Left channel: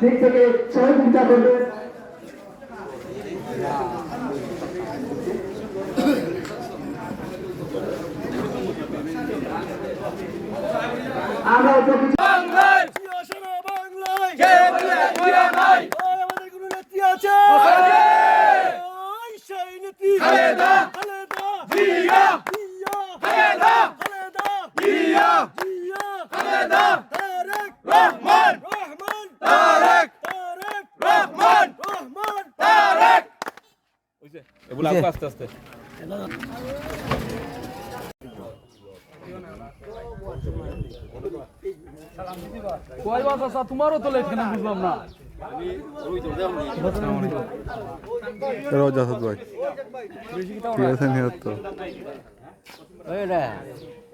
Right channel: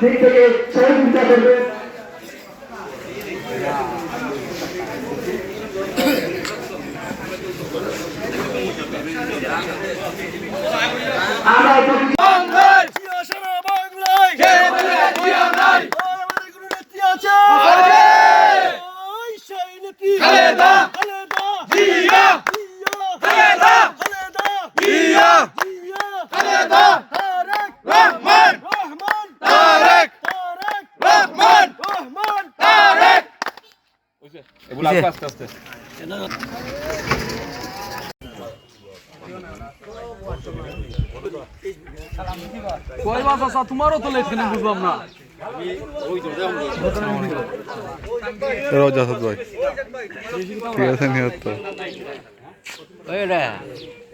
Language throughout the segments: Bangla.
দিক থেকে সহযোগিতা করবে। আমরা প্রতি- এগুলো আস্তে আস্তে আস্তে তোমারও তো লেট কেন বুঝলাম না। রোজ আসাদ ভাই। ঠিক আছে নিহত।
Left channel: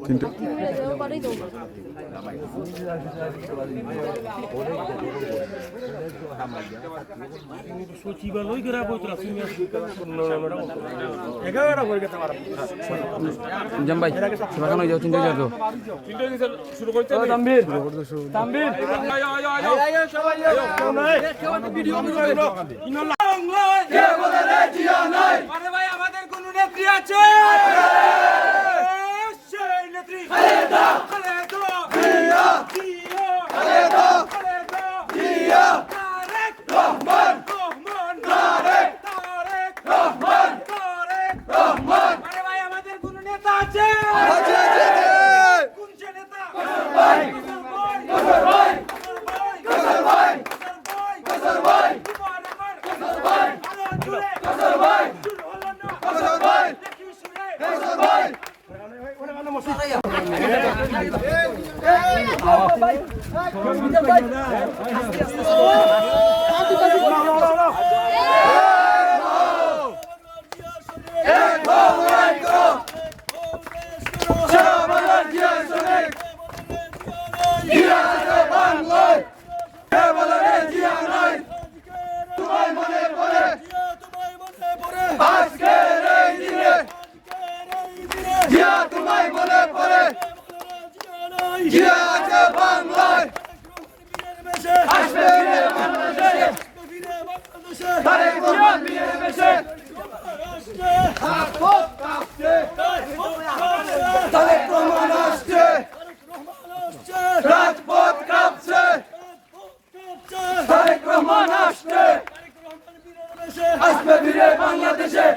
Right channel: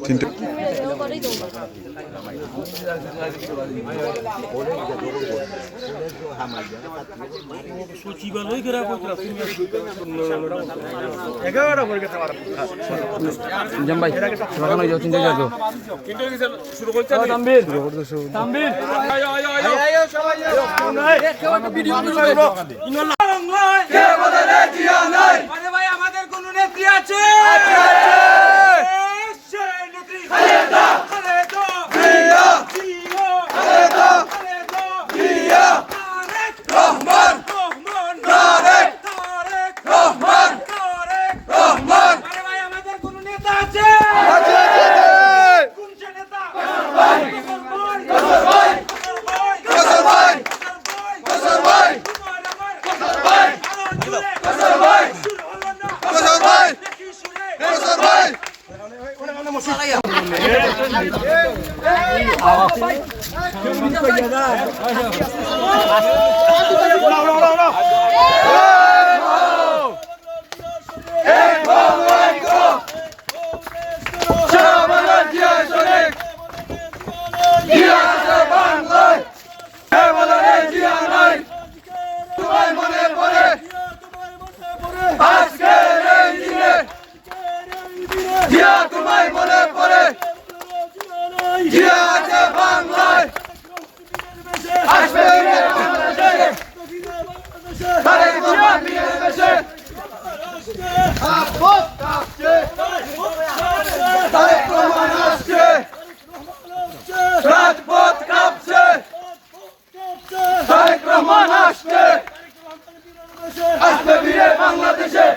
তিনটে জাম ভাই লাগানো যাও চিন্তা যাও শুরু করতে আমাদের কোন নেত্রী আছে। নেত্রী রহমান আসছে আসবে ফিরে বাংলাদেশে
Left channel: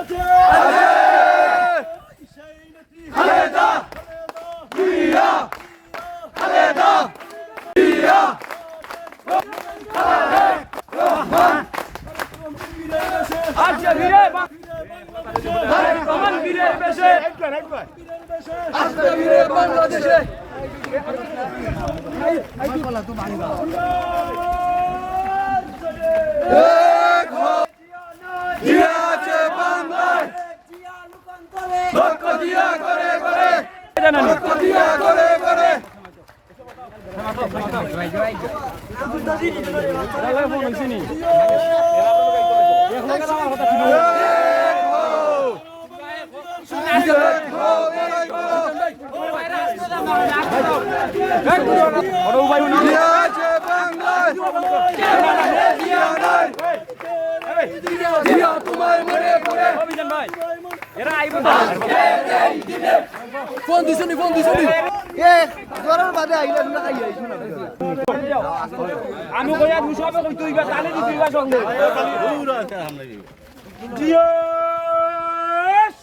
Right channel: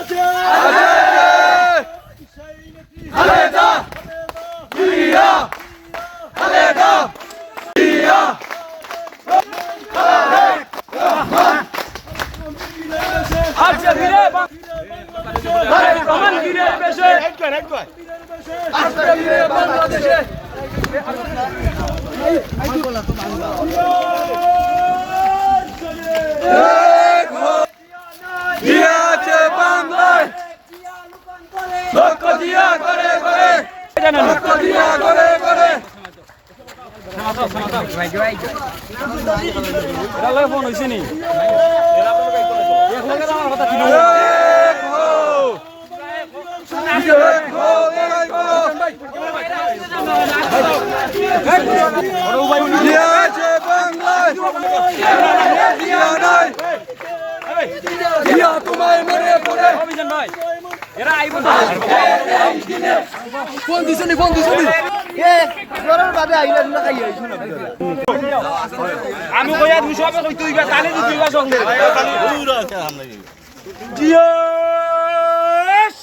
আছে খালেদা জিয়া খালেদা জিয়া আচ্ছা ভিড়ে তারেক রহমান ফিরে এসেছে আসবে ফিরে বাংলাদেশে করে লক্ষ দিয়া করে করে ফোন হইছে নি জিয়া আছে বাংলায় জিয়া নাই জিয়া তোমায় মনে পড়ে অভিযান ভাই এরা আইব তো আমি কইয়া দুশো হবে কই তুই তালে তুই সঙ্গে। জিয়া।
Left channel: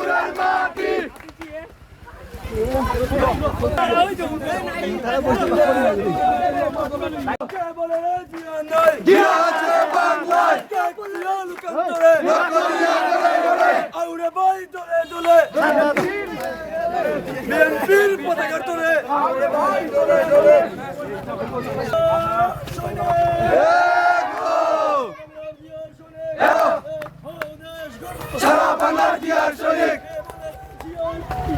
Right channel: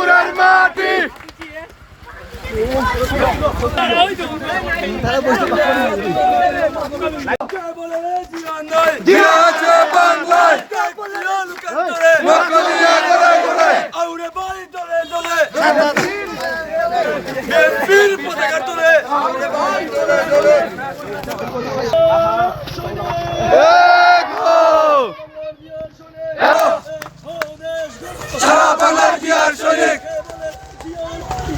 ত্রিপুরার মাটি। পতাকা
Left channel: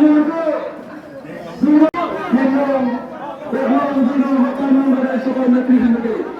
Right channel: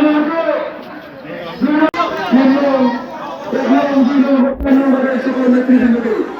এবং এবং এবং এবং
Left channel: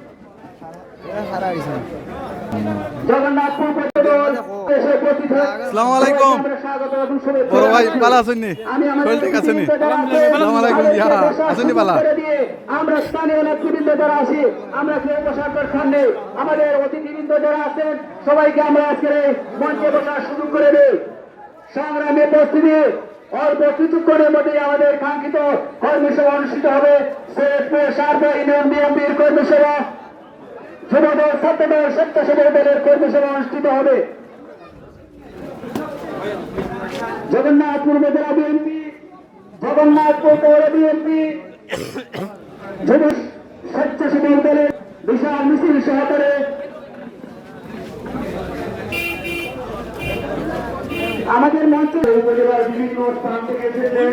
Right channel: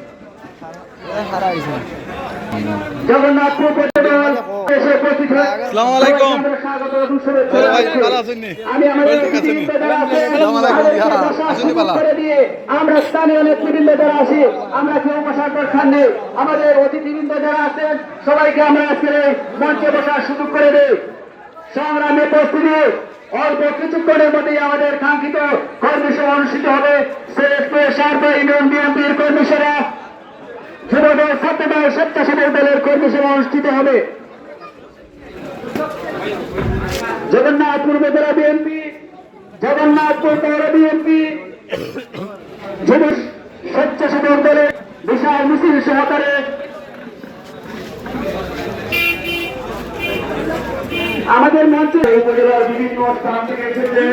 আমরা স্থানীয় নেতৃবৃন্দ যারা আছি আমরা কেউ নেই আমাদের অতিথিবৃন্দ যারা আছেন সবাইকে আমরা আজকে মঞ্চে বসার সুযোগ করে দেই। সংগ্রামে উপস্থিতি অল্প কিছুক্ষণের মধ্যেই আমাদের কাঙ্ক্ষিত কর্মসভা অনুষ্ঠিত হবে। সিলেটপুর সারদা ইউনিয়ন বিএনপির কর্মীসভা যুবদল ছাত্রদল স্বেচ্ছাসেবক দলের কর্মসভা অনুষ্ঠিত হবে। জগন্নাথপুর উপজেলা বিএনপি, জগন্নাথপুর পৌর বিএনপি যুব স্বেচ্ছাসেবক দলের বিশাল মিছিল সহকারে আমাদের মঞ্চে উপজেলার বিভিন্ন স্থান থেকে এসেছে,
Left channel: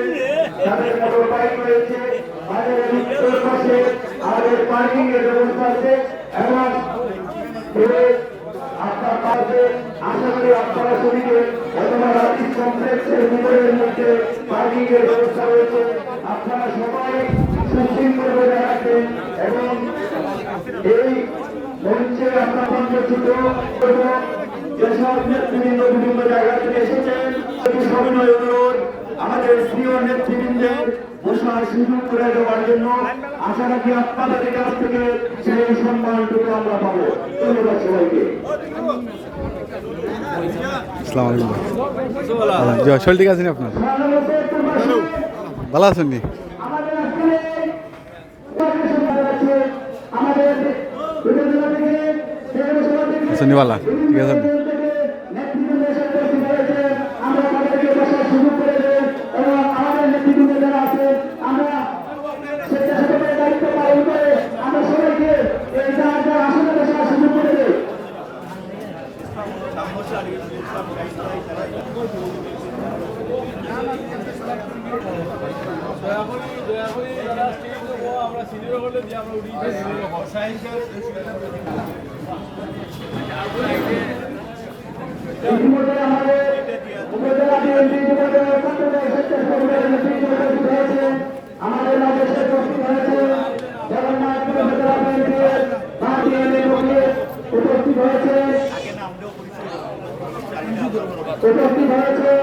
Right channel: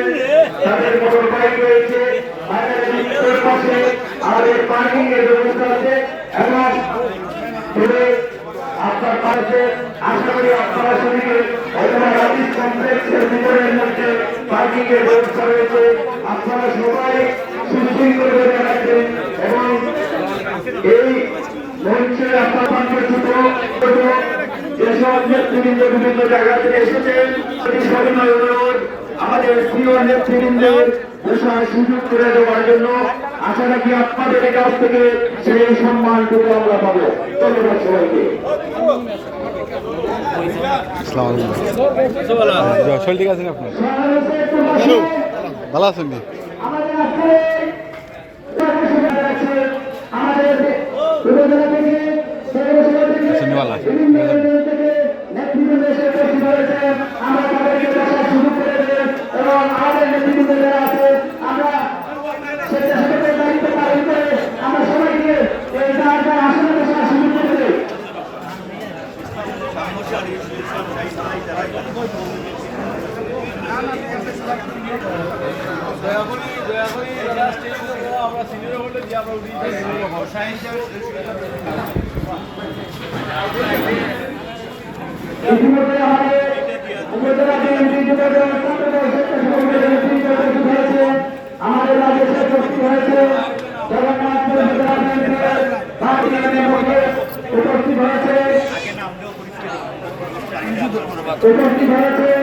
তাদের মোটর বাইক রয়েছে আমাদের পার্কিং এর ব্যবস্থা আছে। এবং আপনার পাশে আশা করি আপনারা শরীরে অথবা অফিস কমপ্লেক্সের মধ্যে পার্কিং ব্যবস্থা রয়েছে। আপনারা সবাই সুশৃঙ্খল করে রাখবেন এবং এই মঞ্চে ছোট ছোট যেসব নেতৃবৃন্দ বিভিন্ন জায়গা থেকে এসেছেন সেটি সবিনয় অনুরোধ আমাদের প্রিয় নেতৃবৃন্দের বসার সুযোগ করে দেওয়ার জন্য আশা রাখি আপনাদের কাছ থেকে সেই সম্মানটুকু আমরা পাবো। ধন্যবাদ সবাইকে। শরীর ঠিক আপনার ভালো? আছেন আমাদের উপজেলা থেকে পৌরসভা থেকে আছেন নি ভালো ঠিক আছে নি? নেতৃবৃন্দ এসে উপস্থিত হয়েছেন। আমরা তাদেরকে বসার সুযোগ করে দেব এবং আমাদের নেতৃবৃন্দ যারা আছে, আমরা স্বেচ্ছাসেবকের দায়িত্ব পালন করে আমরা সবাইকে এই যার যার আসনে বসার সুযোগ করে দেব। ইতিমধ্যে আমাদের উপজেলা বিএনপি যুবদল ছাত্রদল স্বেচ্ছাসেবকের নেতৃত্বে উপস্থিত হয়েছে। আমাদের রাজ্য শেখ উপস্থিত হয়েছে জগন্নাথপুর উপজেলা বিএনপির পার্টি নেতৃত্বে উপস্থিত হয়েছে উপস্থিত কি জগন্নাথপুর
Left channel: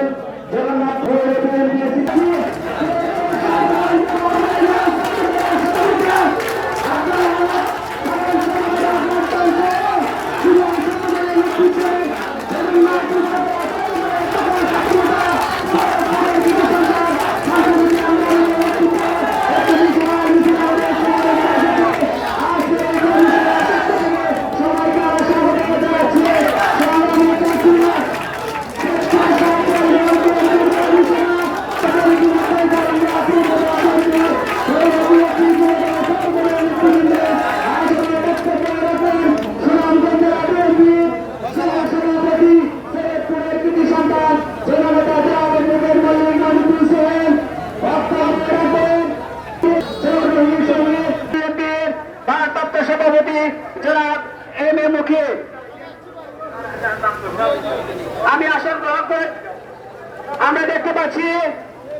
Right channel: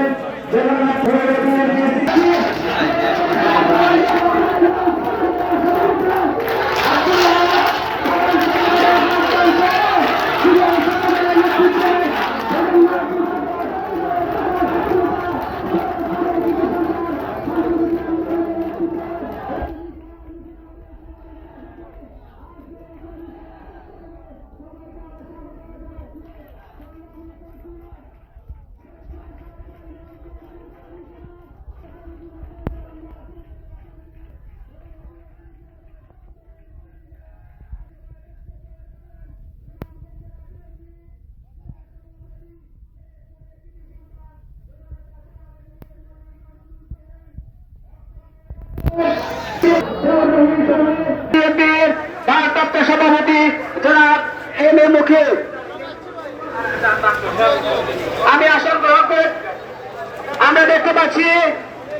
পাচ্ছি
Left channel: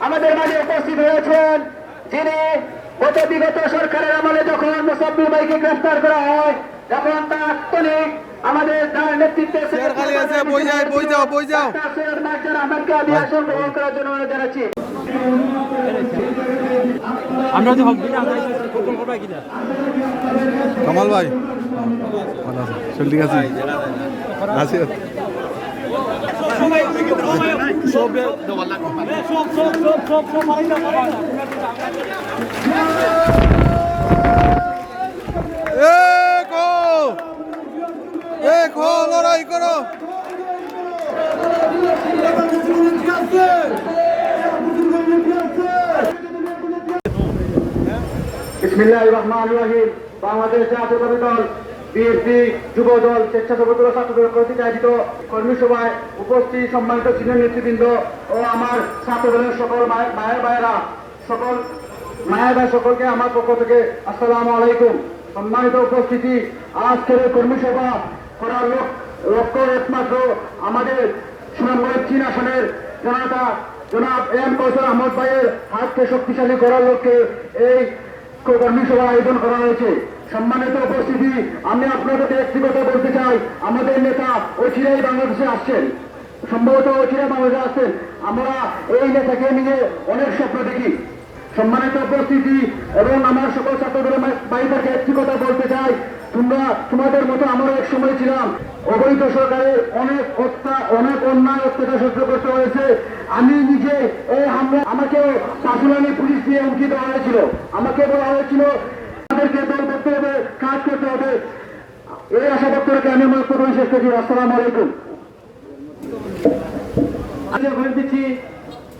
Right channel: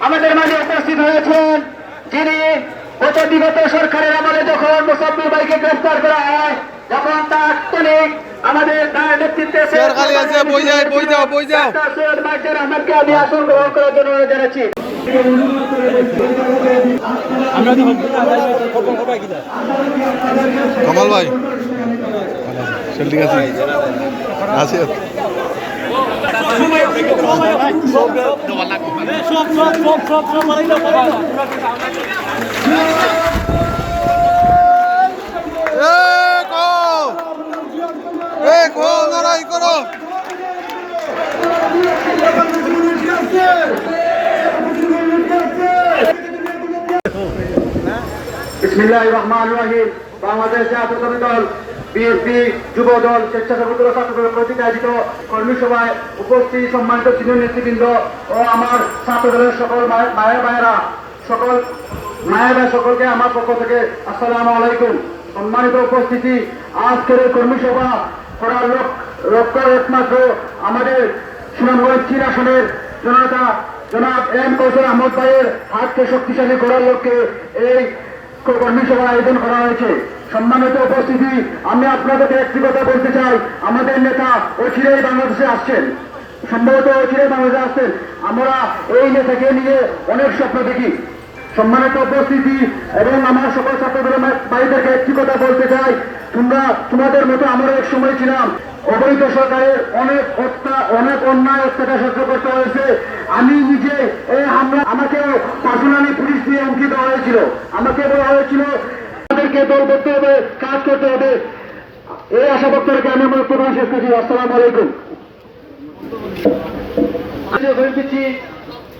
আমাদের মাঝে উপস্থিত হয়েছেন যিনি গত বিগত সরকারের আমলে যখন মুসাফির ভাইকে গ্রেফতার করা হয় তখন তাৎক্ষণিক আমাদের নেতৃত্বে চেয়ার খালি আছে, বই বই যাও, বই যাও। ডাক্তার সৈয়দ মাইকেল আহমেদকে আমি আসন গ্রহণ করার জন্য জানাচ্ছি। ভাই। আছে ঠিক আছে। লড়াই করো বিসমিল্লাহির রহমানির রহিম বাংলাদেশ জাতীয়তাবাদী দল বিএনপি স্বেচ্ছাসেবক দল ছাত্রদল কর্তৃক আয়োজিত কর্মী সভায় উপস্থিত সম্মানিত সিনিয়র নেতৃবৃন্দ ও আমার ছাত্রদলের সকল মায়ের ভাইয়েরা। সকল মায়েরা সকলকে আমার পক্ষ থেকে আসসালামু আলাইকুম। সম্মানিত উপস্থিতি, আজকের কর্মী সভা করার লোক লক্ষ্য একমাত্র আমাদের সুনামগঞ্জ চীন আসনের জনতা, জনাব এম কৌশল আহমদ ভাইয়ের হাতকে শক্তিশালী করার লক্ষ্যে এই কর্মী সভা আয়োজন করা হয়েছে। সম্মানিত উপস্থিতি, আমি আপনাদের একটি কথা বলতে চাই, আমাদের নেতা অচিরেই বাংলাদেশে আসছেন। সম্ভবত অচিরে বাংলাদেশে আসছেন। আমরা এই নেতাকে নিয়ে অনেক স্বপ্ন দেখি। সম্মানিত উপস্থিতি এবং আমার সকল ছাত্রদের বাড়িদেরকে একটি কথা বলতে চাই। তোমরা, তোমাদের মতো আমরা এক সময় ছিলাম। অবৈধ সরকারের অনেক হত্যা, অনেক অন্যায় অত্যাচার সহ্য করতে হয়েছে। আমি নিজে এই হামলা আমাকে পার্সোনালি পুলিশ দিয়ে দেওয়া হয়েছিল। আমাকে বলা হয়েছিল আমাদেরকে দল করতে হবে, কাজ করতে হবে। এই আশা ব্যক্ত রেখে আমি আমার প্রধান শেষ করছি। আসসালামু আলাইকুম।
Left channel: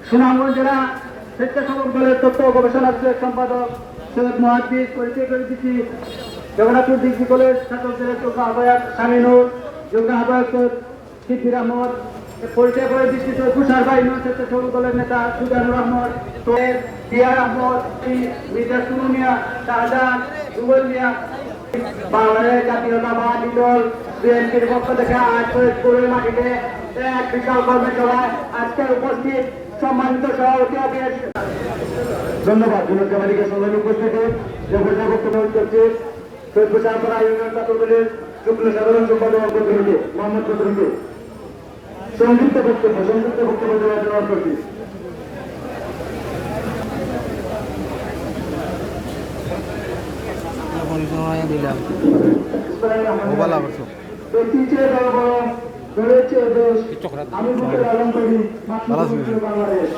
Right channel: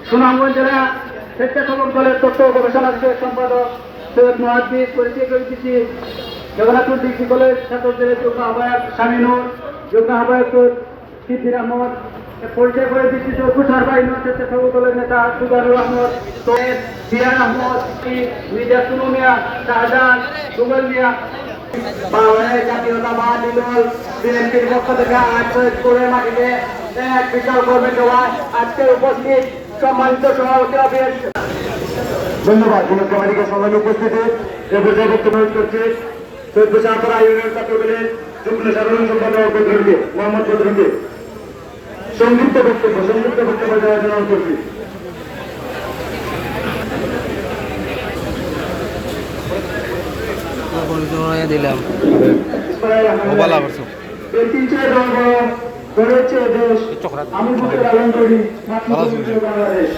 সুনামগঞ্জ জেলা গবেষণা সম্পাদক জগন্নাথপুর ডিগ্রি কলেজ ছাত্র আহ্বায়ক আহ্বায়ক পরিচয় করে দিচ্ছি চৌকু সারবা ইউনিয়ন স্বেচ্ছাসেবক দলের নেতা সুগানুর আহমদ সোহেদ বিয়ার আহমদ মির্জা সুনু মিয়া, শাহজাহান, রুবেল মিয়া। সম্মানিত ধন্যবাদ, বিনোদ সংযুক্ত বক্তব্য সংযুক্ত বক্তব্য দেওয়ার জন্য করছি দিলাম মোবাইল আবার সব দেশ আমি বুকে লালন করি ভালো আছেন? মাতৃভূমি বাংলাদেশ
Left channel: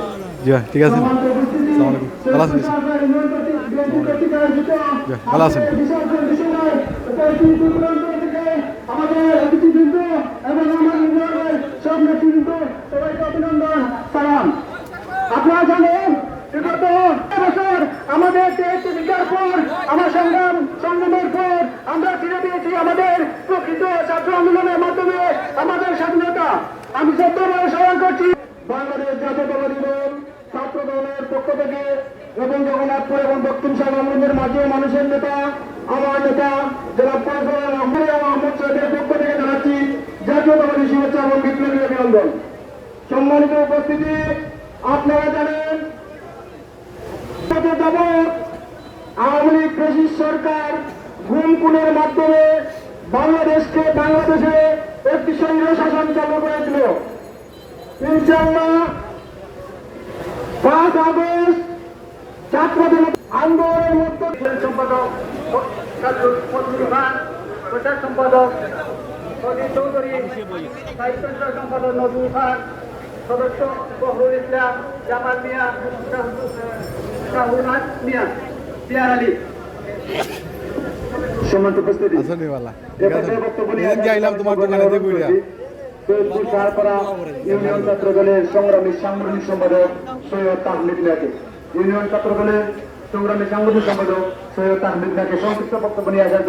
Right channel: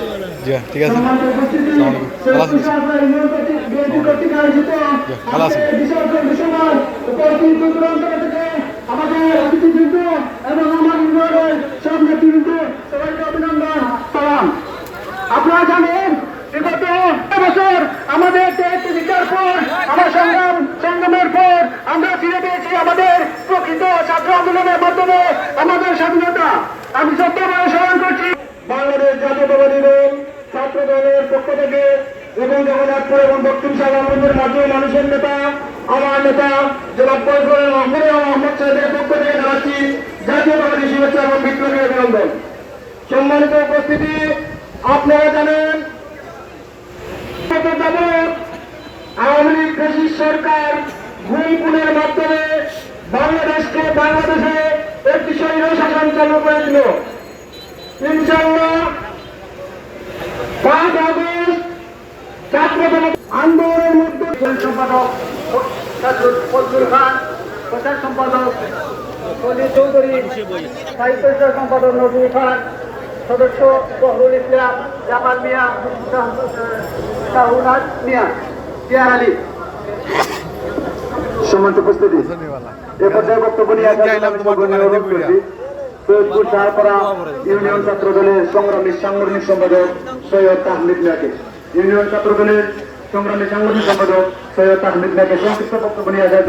জি ঠিক আছে সম্মানিত উপস্থিতি, ভালো আছেন? সৈয়দপুর শাহপুরা ইউনিয়ন কর্তৃক বিএনপি কর্তৃক আয়োজিত ভালো আছেন? আজকের বিশাল কর্মী সভায় উপস্থিত দূর দূরান্ত থেকে আমাদের অতিথিবৃন্দ এবং আমার ইউনিয়নের সব নেতৃবৃন্দ সবাইকে অভিনন্দন সালাম আপনারা জানেন বিগত বছর আমাদের দেশ স্বীকার পর আমার সংগ্রাম সংগ্রামের পর আমরা ফিরে পেয়েছি আমাদের প্রকৃত ছাত্র আন্দোলনের মাধ্যমে আমাদের স্বাধীনতা। আমি সত্যভাবে স্মরণ করছি, বাংলাদেশ জাতীয়তাবাদী দল ছাত্র দলের পক্ষ থেকে এবং জগন্নাথপুর এবং দক্ষিণ শাহবান্ধের মাধ্যমে মানুষের নেতা, আমার নেতা জেলা পরিষদের এবং আহমদ সাহেবের পক্ষ থেকে জানাচ্ছি জাতীয়তাবাদী শুভেচ্ছা এবং বিপ্লবী অভিনন্দন। সম্মানিত উপস্থিতি, আপনারা জানেন, আওয়ামী লীগ সরকার ঘুম খুনের মাধ্যমে বাংলাদেশকে বাংলাদেশে একটি সৈন্য শাসন চালু করেছিল ইনশাল্লাহ পাঁচ আগস্ট ছাত্র আন্দোলনের মধ্যে সম্পাদক প্রচার সম্পাদক চৌধুরী, সাহিত্য সম্পাদক নজরুল খান সদস্য বহরুল ইসলাম, জামাল মিয়া শাহুনাথ মিয়া, জিয়ার আলী। সম্মানিত উপস্থিতি। এ পর্যায়ে বক্তব্য নিয়ে। সৈয়দপুর শাহপাড়া ইউনিয়ন ছাত্র দলের সংগ্রামী সাংগঠনিক সম্পাদক সৈয়দ তাহমিদ মিয়াকে। ইউনিয়ন ছাত্র দলের সংগ্রামী সাংগঠনিক সম্পাদক সৈয়দ তাহমিদ মিয়াকে সংক্ষিপ্ত বক্তব্য নিয়ে আসার